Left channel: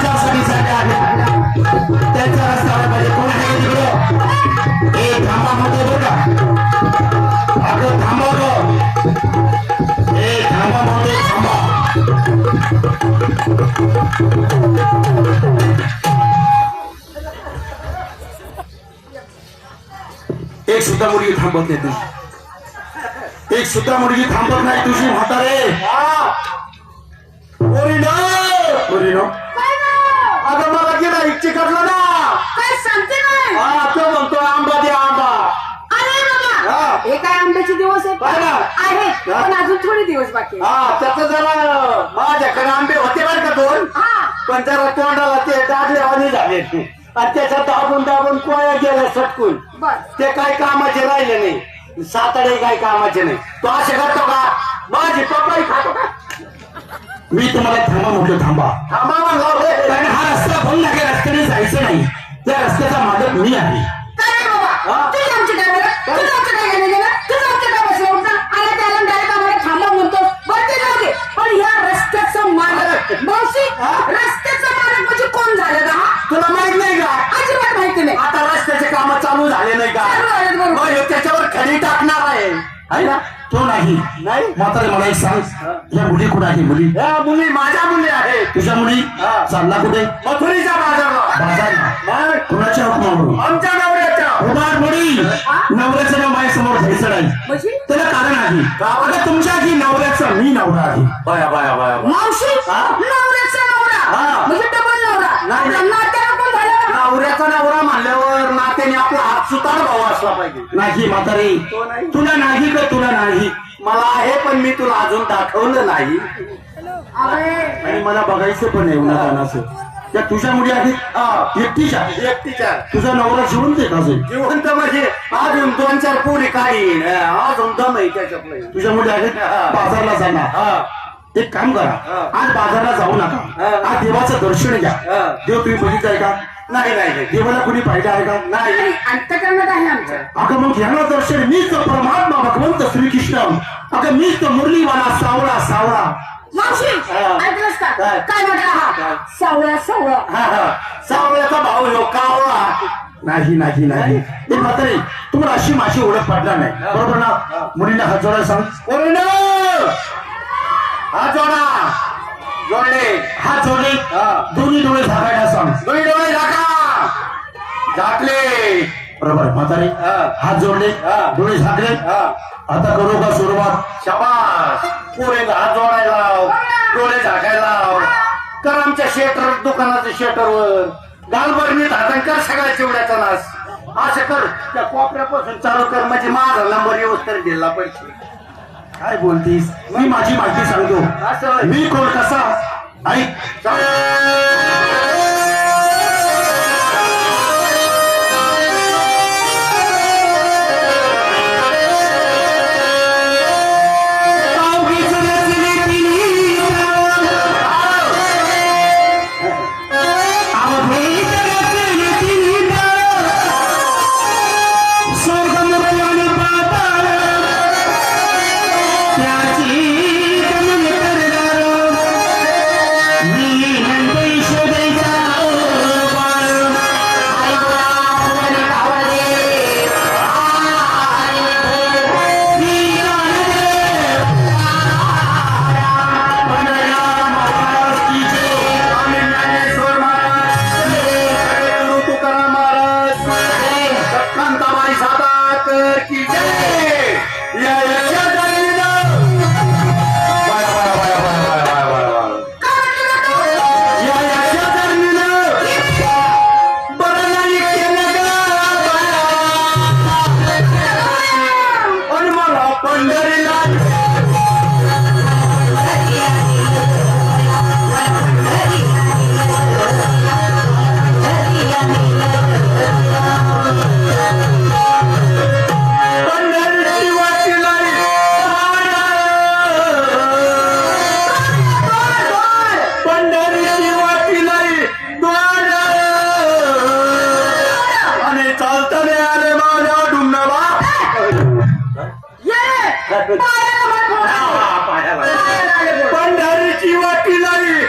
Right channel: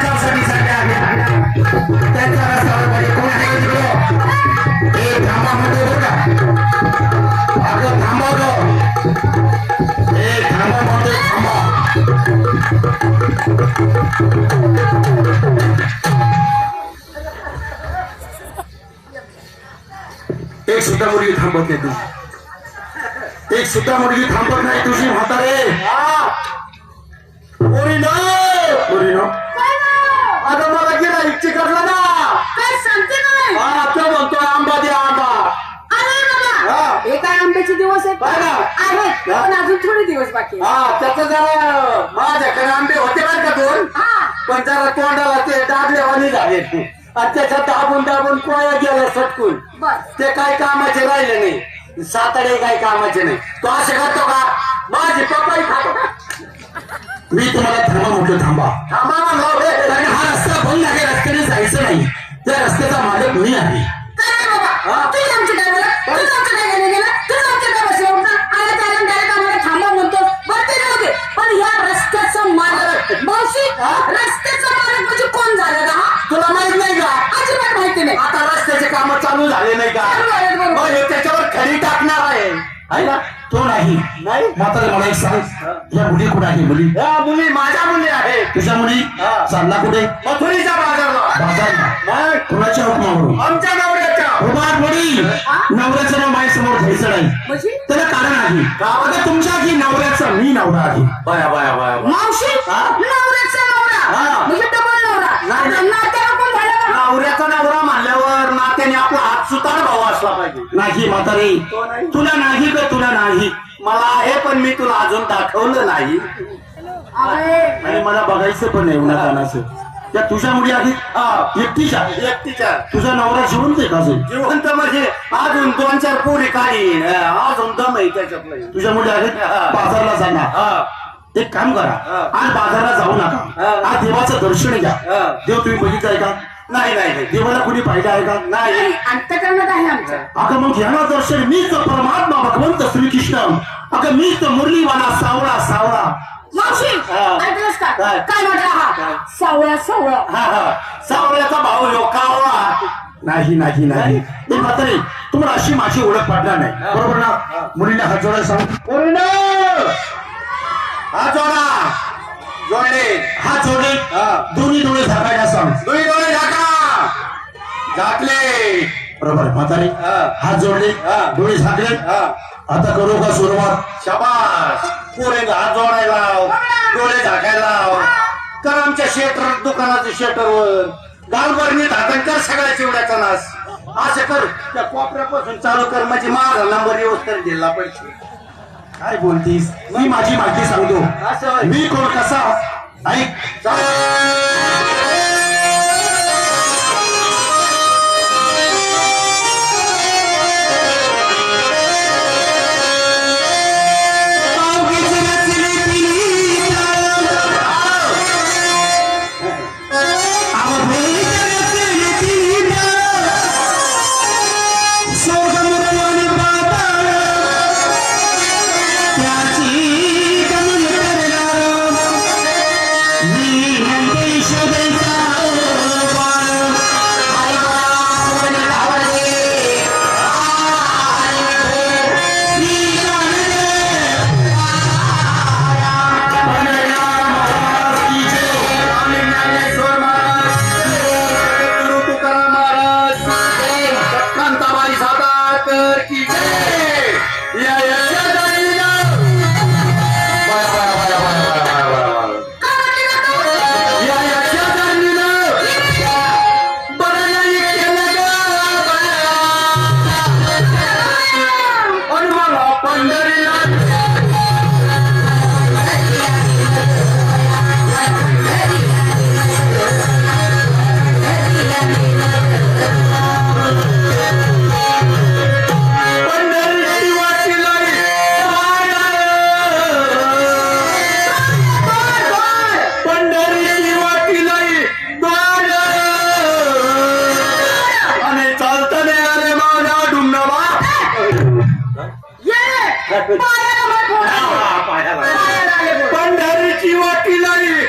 आचारसंहितेसाठी आहेत त्यांच्या रस्त्यावर पाहिजे कोण आहे तिकडे हे थांबा म्हणतोय बरं का अगं थांबवतो हे थांबा म्हणतोय थांबा एक सुद्धा मुलगी थांबत नाही तुझी एक सुद्धा मुलगी थांबत नाही तुझी म्हातारे आता मला गेला इच्छे करला ना काय सांगते नाही तो म्हणतो आंबा द्या आंबा अरे बाबा हे काय आंब्याचे दिवस आहेत पण अजून थोडे दिवस बाकी त्याचं जरा माझ्याकडे आंबे होते बरं का दोन पण जरा तोंडाला ते दाबलेवानी झाले आणि त्याच्यात दाबून दाबून कोया गेल्या सटकून ते काही कामाचे राहिले नाही साताडे काही कामाचे नाही तो असे करतो का माझी पप्पाही खातो का मी तुम्हाला थांबा म्हटलं थांबा थांबा कारण हा रस्ता बंद आहे रस्त्याने जायचं नाही त्या रस्त्याचा मालक मी आहे पण या रस्त्याचं मालक मावशी रस्त्याचं मालक म्हणजे कोण झालं का तुला माहित नाही का अजिबात माहिती नाही आता रस्त्याचे काम चालू झाले नाही का मग त्याच्यावर खडी टाकणार आहे ना तो नाही म्हातारे मला एक सांग या मुली कुठे आहे मुली या मुली माझ्या मुली आहे तुझ्या मुली चालला कुठे मथुरीच्या बाजारला कुणाच्या हुकमावरून आमच्या नवऱ्याच्या उभार मुली नवऱ्याचं नाव माझ्यासमोर घ्यायचं नाही त्याला कारण आहे आता तुमच्या की नवऱ्याचा मी नवरा आहे बाया बाया बाया मावशी नवऱ्याचा नवरा म्हणजे डबल नवरा नवऱ्याचा नवरा म्हणल्यावर नात्याने आपला हात सुतार भाऊ असला पाहिजे नाही म्हातारी तुला नाही का तुला नाही मला आहे पण मी तुला अजून दाखवलं नाही आणि मला बघायचं पण आहे उन्हातानाचं त्या तुझ्या मुली आहेत एकटीच्या तुझा नवरा जिवंत आहे का जिवंत म्हणजे अजून 2-4 पोरी काढीन अजून दम आहे त्याच्यात तुझ्या मुली आहेत बाजारला जाणार एक काम करा आज बाजारला जाऊ नका आज देवाचं दर्शन घ्या देव तुम्ही बघितलंय का नाही नाही देवाला कुणी पाहिलं आहे का नाही अंतकरणात आहे आमच्या आता मग घ्या दर्शन मीच तर परमात्मा भगवंत श्रीकृष्ण आता मीच तर मुरलीवाला सावळा सावळा मावशी ऐकलंस का काय म्हटलं हा सावळा सावळा सावळ्याचा भाऊ लोकावळा नाही नाही नाही हे म्हातारे तुम्हाला अशी माझी ओळख पडणार नाही बरोबर ना मुलींना हात जोडायला सांग हात जोडा जोडले हात जोडले दोन्ही डोळे झाकायला सांग दोन्ही डोळे झाका झाकले बरोबर म्हातारे हात जोडले डोळे झाकले आता करू का सुरुवात शाबास पोरेला हात जोडायला डोळे झाकायला कर आमच्या शेटर दुकानाच्या शेटरवर गालबरणीत हातान कर सगळ्या चिवड्याचा नाश असं कर त्या कोपऱ्यापासून चालू कर म्हणजे माझा नंबर व्यवस्थित दिला पैसे काय बोलतीस मी माझी माहिती सांगतो मी कोण कसा ऐक पंढरीची वाटी नाही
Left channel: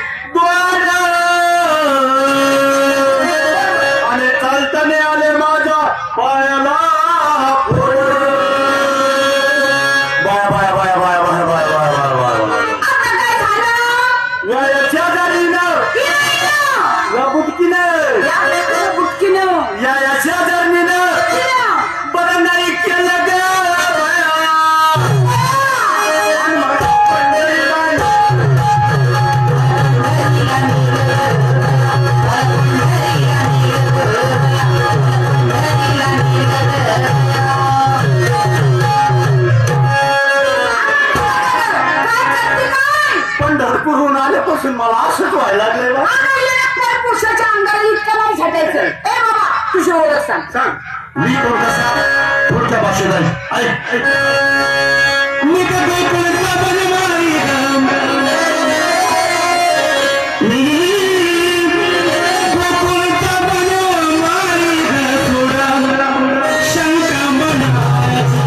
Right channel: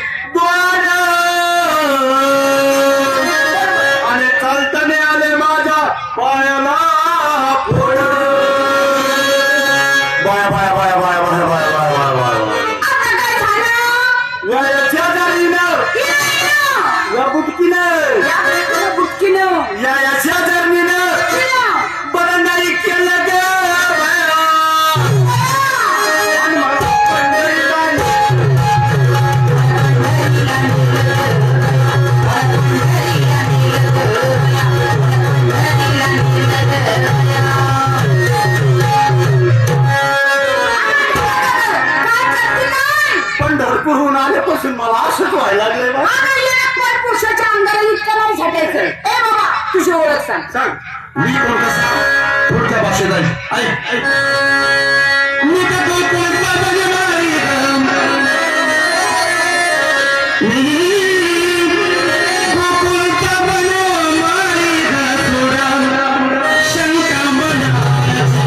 शेजारीनं हिनं, या बुटकीनं या बुटकीनं, या शेजारणीनं हिनं. बरं नाही केलं ग पंढरपूरहून आल्यापासून मला असंच व्हायला लागलंय बा. पुरुषाच्या अंगाला इतकं नाही झटायचं. ए बाबा तुझी ओळख सांग. सांग मी कोण कसा कोणत्या भाषेत आहे ऐक ऐक मी तर गोकुळचा बनवारी राम. मी गोकुळचा बनवारी राम. शंका मनाची.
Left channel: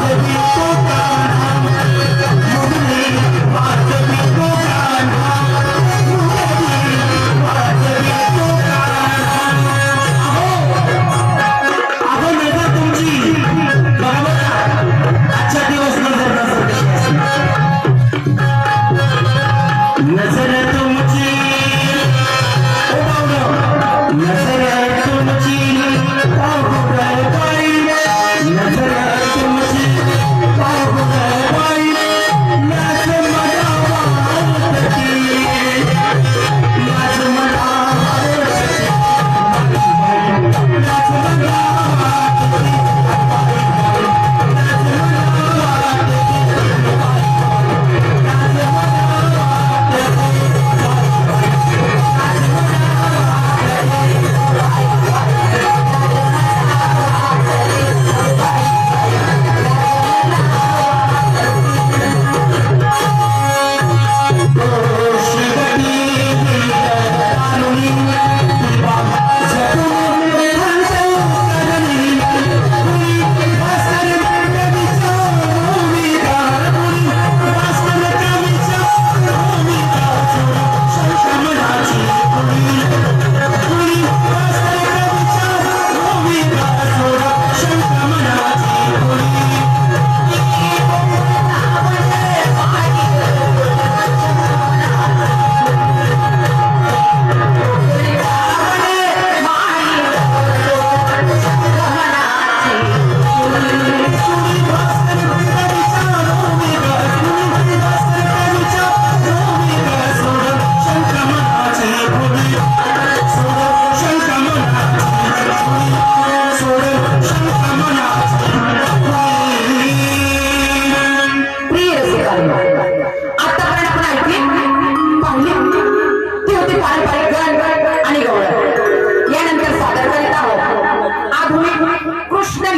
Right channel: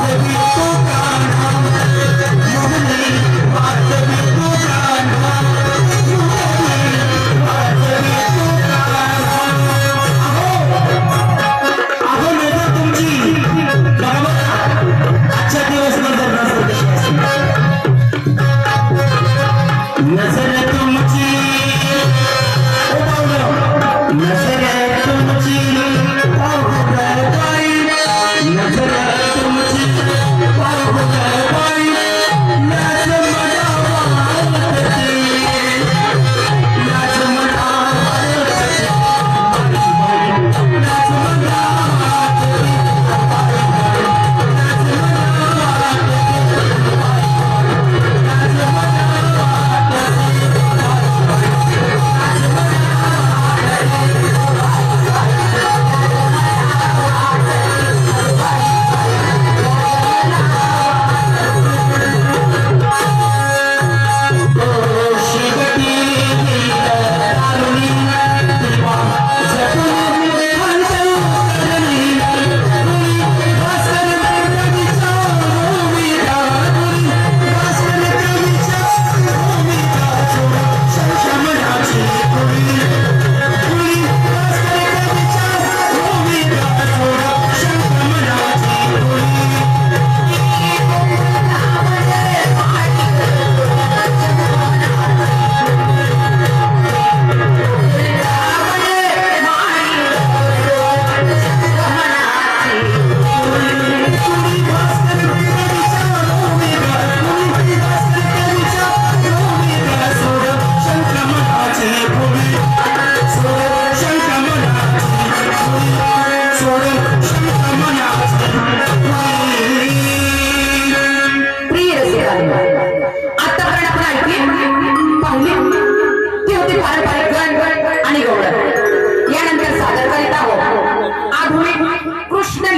Baby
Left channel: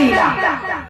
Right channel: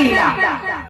लिहिला